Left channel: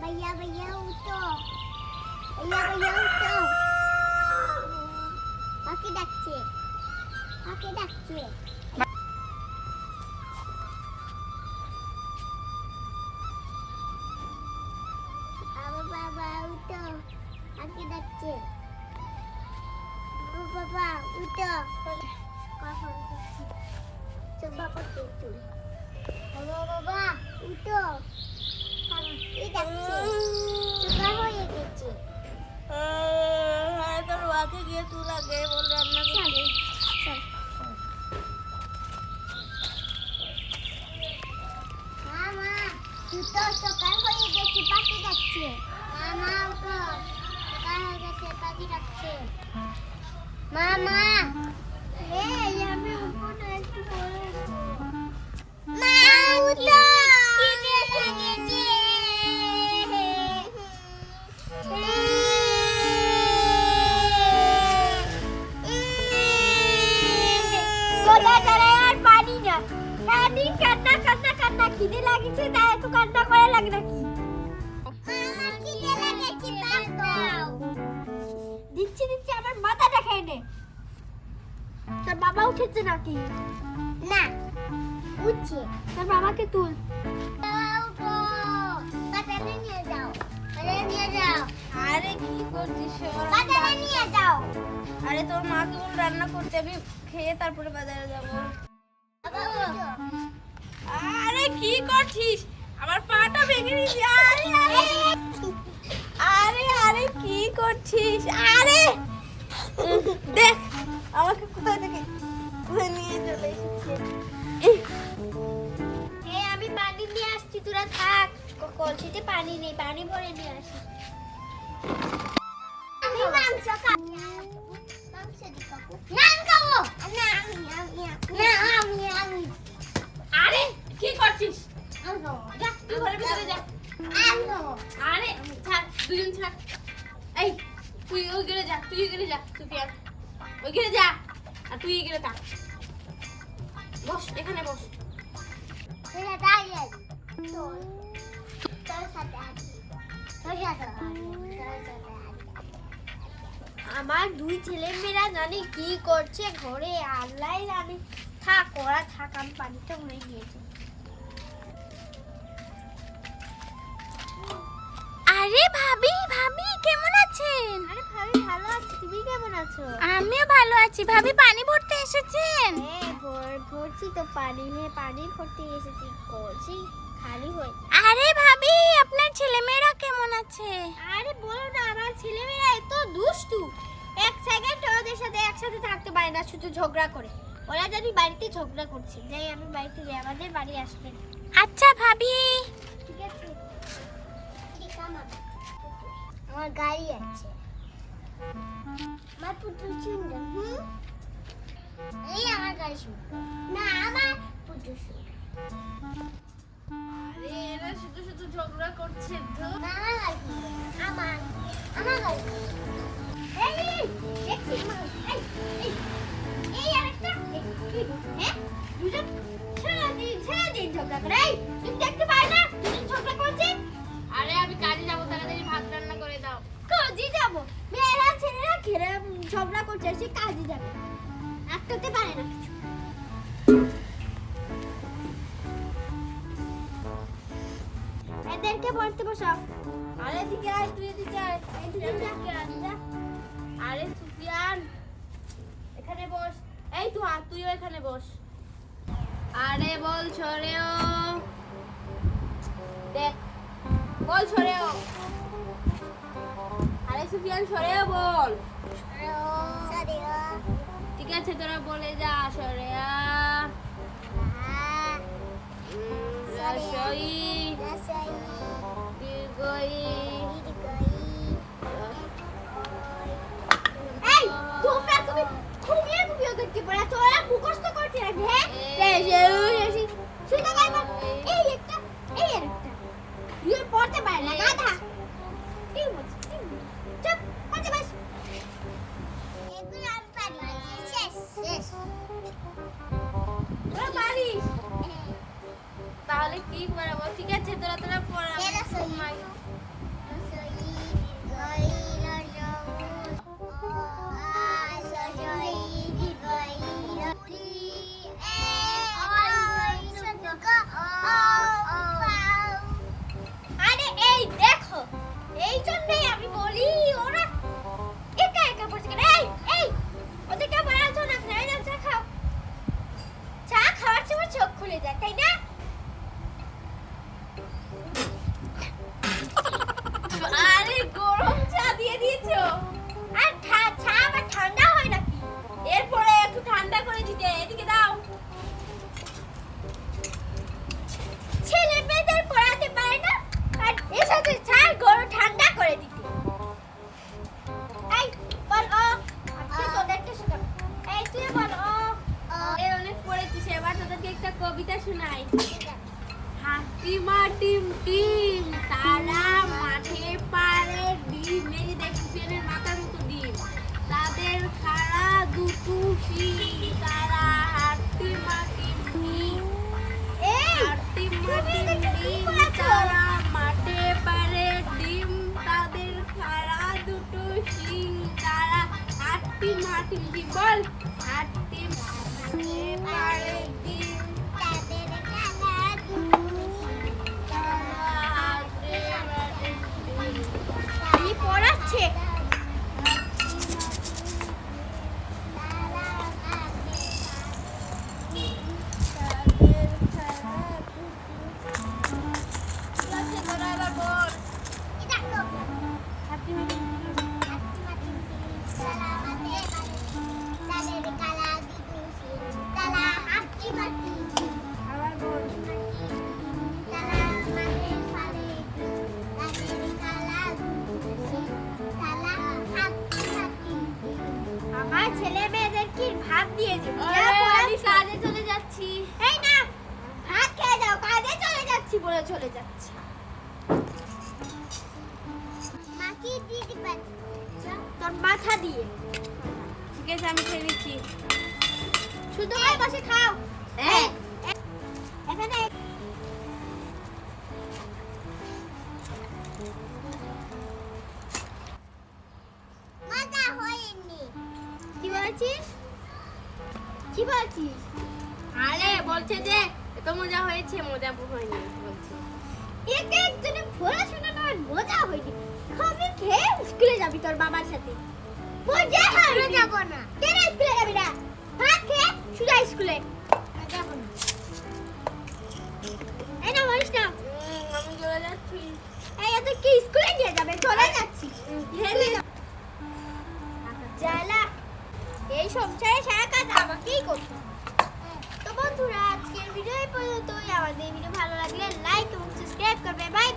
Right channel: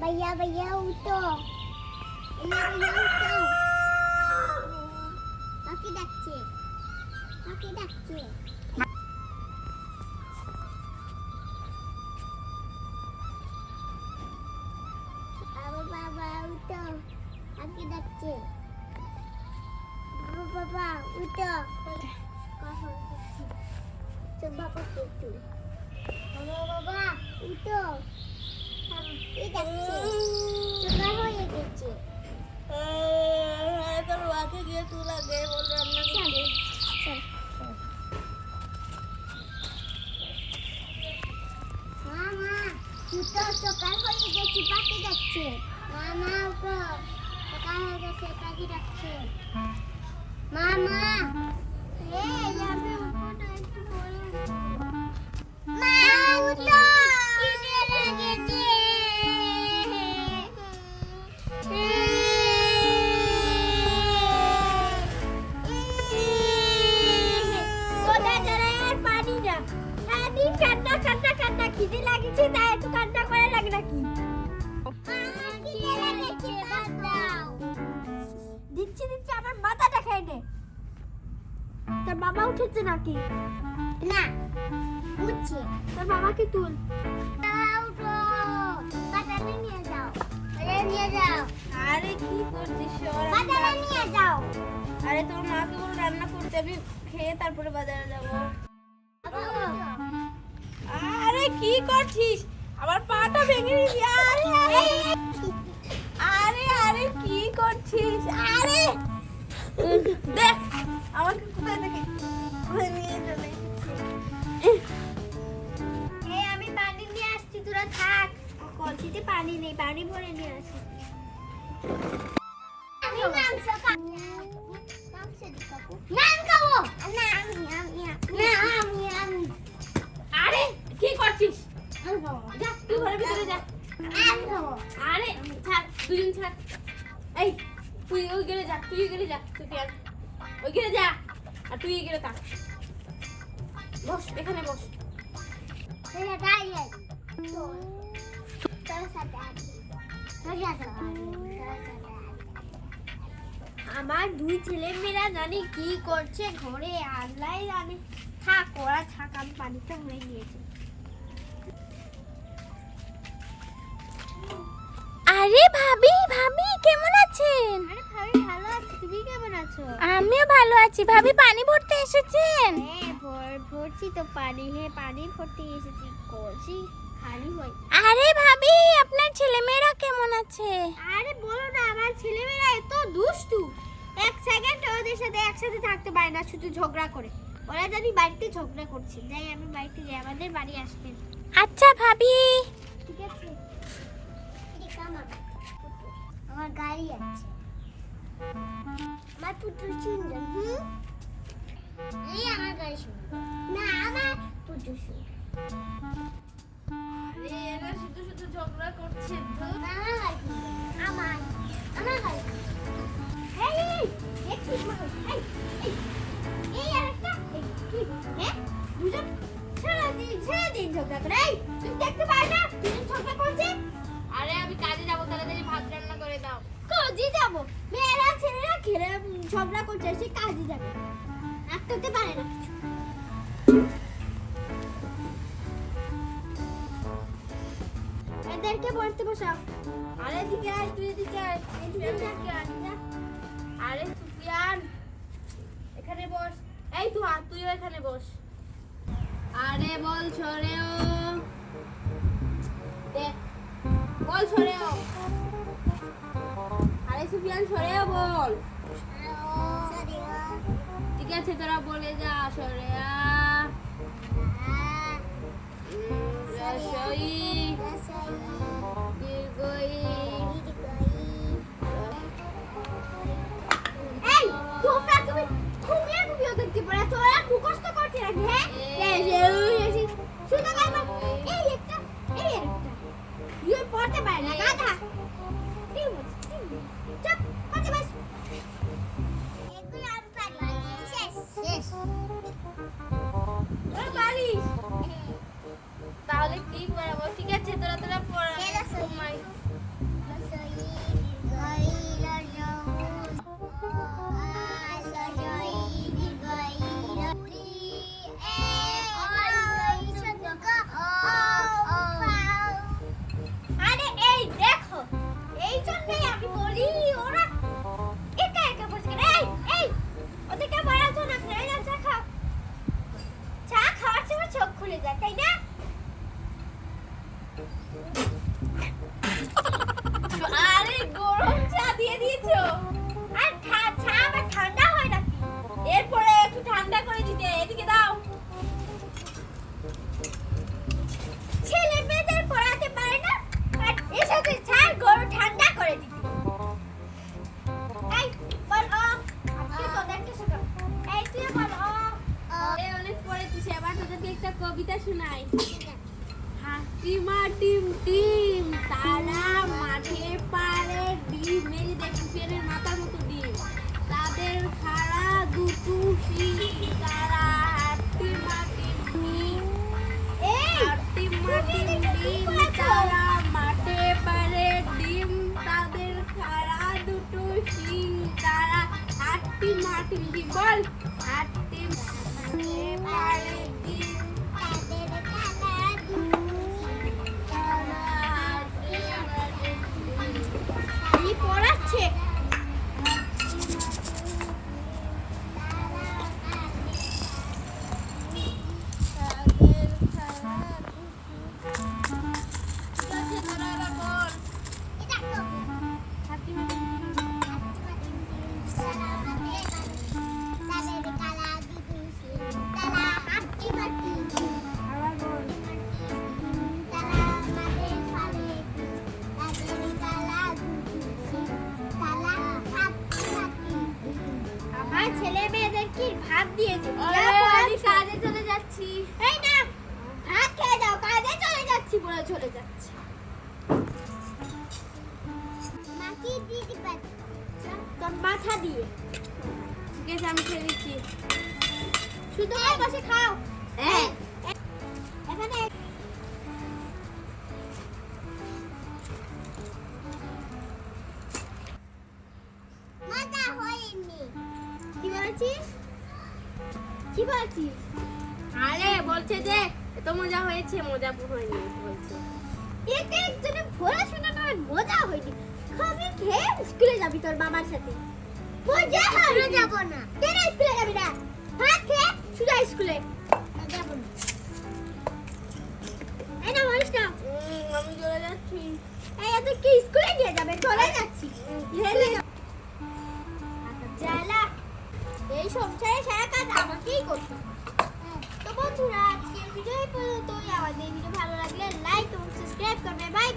भैया भैया उठो, भैया भैया उठो, पाखी ডাকছে, পাখি ডাকছে। বাবা বাবা উঠো, পাখি ডাকছে। বাবা বাবা উঠো, কখন উঠছি? চুপা করতে চুল। বাবা বাবা উঠো, পাখি ডাকছে। সকাল হয়ে গেছে। তোর ওয়াকে গিয়ে তুই লাগে বল রান্না করতে। মামা উঠো, সকাল হয়ে গেছে, পাখি ডাকছে। মামা উঠো, সকাল হয়ে গেছে, পাখি ডাকছে। মামা এই আমি উঠবো না, একটু পরে উঠবো। মা উঠো, খিদে লেগেছে। খিদে লাগছে তাই এত কান্না করে লাগে নাকি? দিচ্ছি দিচ্ছি আমার মাথাটা খেয়ে নে। তোর বাবা উঠেছে নাকি? না উঠছে। তোর বাবাকে তুল। উঠো, বাজারে নিয়ে যাও, বাজারে নিয়ে যাও। আরে কি করছিস? বাজারে নিয়ে যাও। আরে তোর মাকে বল রান্না করতে, আমি খেয়ে তারপরে বাজারে যাবো। আরে কি করছিস? আমার পাটা ভেঙে দিবি। আরে আরে কি করছিস? আরে দেখ আমাকে কোথায় থেকে নিয়ে চলে এই আমি পানি নিয়ে আসছি, তোরা থাক। কলসিতে পানি নেই, পানি ভরে নিয়ে আসি। আমি মাংস খাবো। মাংস দি কাকু। না খাবো। না আমি। আরে কি করছিস? আমি খাবো। যা তুই ঘরের ভিতরে যা। আমি খাবো। আরে ছাড়, দুজন ছাড়। এই তুই ওই গেলে যা, তুই গেলে যা, সুফিয়ান ওই গেলে যা, আর তুই গেলে থাক। বস এখানে বস। তোরা দাঁড়িয়ে আছিস। তোর সাথে আছি। তোর সাথে আছি। আমার দুই ছেলে মেয়েরা জানি কি করছে ঘরে, আল্লাহ জানে। থাক ওরা থাক, আমি পানিটা ভরে নিয়েছি। আরে ভাবি ভাবি কেমন আছেন? আরে ভাবি ভালো আছি, তুমি কেমন আছো? আমিও ভালো আছি। ভাবি পানি ভরতে এসেছেন? হ্যাঁ ভরছি তো পানি। হ্যাঁ পানি ভরতে এসেছি, কলসি খালি হয়ে। আরে ভাবি আপনার ছেলেমেয়েরা কেমন আছে? আরে বলো না, আমার ছেলেমেয়েরা এত দুষ্টু, এক সেকেন্ড ওদের সাথে একসাথে থাকতে পারে না, শুধু ঝগড়া করে। ওরা জানি বাড়িতে ঝগড়া করছে, তাই আমি বাড়িতে যাই, আমাদের বাড়ি আসবেন। আচ্ছা ভাবি। ঠিক আছে, আমার গাড়ি আছে, আমার পুতুল সুন্দর। এই আমার গাড়ি সুন্দর না, আমার পুতুল সুন্দর। আরে এরা শুধু শুধু ঝগড়া করছে তো। আমার গাড়ি, আমার গাড়ি। এই দেখছি, এই আরেকটা। হ্যাঁ দুজন সারাদিন ঝগড়া করে। এই তুমি দেখতে পাই না দুজন ঝগড়া করছে? আরে আমি কাজে যাবো, তাড়াতাড়ি ভাত রান্না করে দাও। কাজে যাবো? মেয়েরা ছেলেরা খেলে ঝগড়া করছে, সে কাজে যাবে, একটাতে পারে না কিছু। এদেরকে পড়তে বসাও। আরে এদিকে আয়, তুই এদিকে আয়, এদিকে আয়। আরে সুফিয়ান এখানে বস। এই তুইও এখানে বস। আরে বল সরেও, দেখ বল সরেও। আরে সুফিয়ান সরেও বল। ঠিক আছে তোরা বলে যা, সরেয়া রসই রসই দীর্ঘই এই তুমি খুবই ওদেরকে পড়া তোরা মুখস্থ করতে রাখবে হ্যাঁ শুনতে পারবা এই একটা তুই পড়তে পারে না গাধা কি বলছিস চুপ পড়তে বস এগুলো আমি পারি শেষ তোরা পারিস তাহলে কি পড়াবো ঠিক আছে তোরা পড়া রসই রসই দীর্ঘই রসই দীর্ঘই রুরি আরে এই দেখো এই জন্যই আমি বলি ওরা একা একা বসে এই ওদেরকে মারাতো না আপনারা না চা খাওয়ার সময় চোখ খুলে যায় তাই না আরে গরম চা দিয়ে দিয়েছো আর চা আবার ঠান্ডা হয় নাকি এরপরে একটু ঠান্ডা করে দিতে এদিকে দাও ছেলে মেয়েদের পড়াতে পারে না আর এর সাথে চা গরম ঠান্ডা করে দিতে এই বল আজকে তোদেরকে শেখাবো এই তুই বল এই অনেক পড়েছিস এবার তোদেরকে একটা কবিতা শোনাই হাতিমা টিম টিম তারা মাঠে পারে ডিম এই যে দেখ পিয়ানের মাথার মতো ডিম তাদের খাড়া দুটো শিং তারা হাতিমা টিম টিম এই হাতিমা টিম টিম তারা মাঠে পারে ডিম তাদের খাড়া দুটো শিং তারা হাতিমা টিম টিম বল হাতিমা মাঠে পারে ডিম তাদের কালা আমি পড়াচ্ছে আমার ছেলে মেয়েদের কি ভাত দিয়ে দিবি আমি কাজে চলে যাচ্ছি এই না ভাত খেয়ে যাও কাজে চলে যাচ্ছি বলে চলে যাচ্ছে মাটি দিদি তোর মাথা দিয়ে ঠিক আছে আমি খেয়ে নিচ্ছি শুধু বসে খাও হ্যাঁ এখানে মজা হয়নি কি বলছিস কি বলছিস আরে বলছে যে এত মজা হয়েছে মজা হয়নি বলছে একে একজনে পড়াশোনা না মজা হয়নি খাবি খেয়ে স্কুলে যাবি তোর বাবার সাথে মজা হবে যাব না কেন স্কুলে যাবি না ভাত খেয়ে সোজা স্কুলে যাব না এই না বলিস না আমি চলে যাচ্ছি এই এত কি স্কুলে নিয়ে যাবে চলে যাচ্ছি হেলে জ্বালা এই সংসারে সারা কাজ আমাকেই করতে হয়। তো বন্ধুরা আজকের ভিডিও এই পর্যন্তই আমাদের ভিডিও ভালো লাগলে লাইক এবং সাবস্ক্রাইব করবে বাই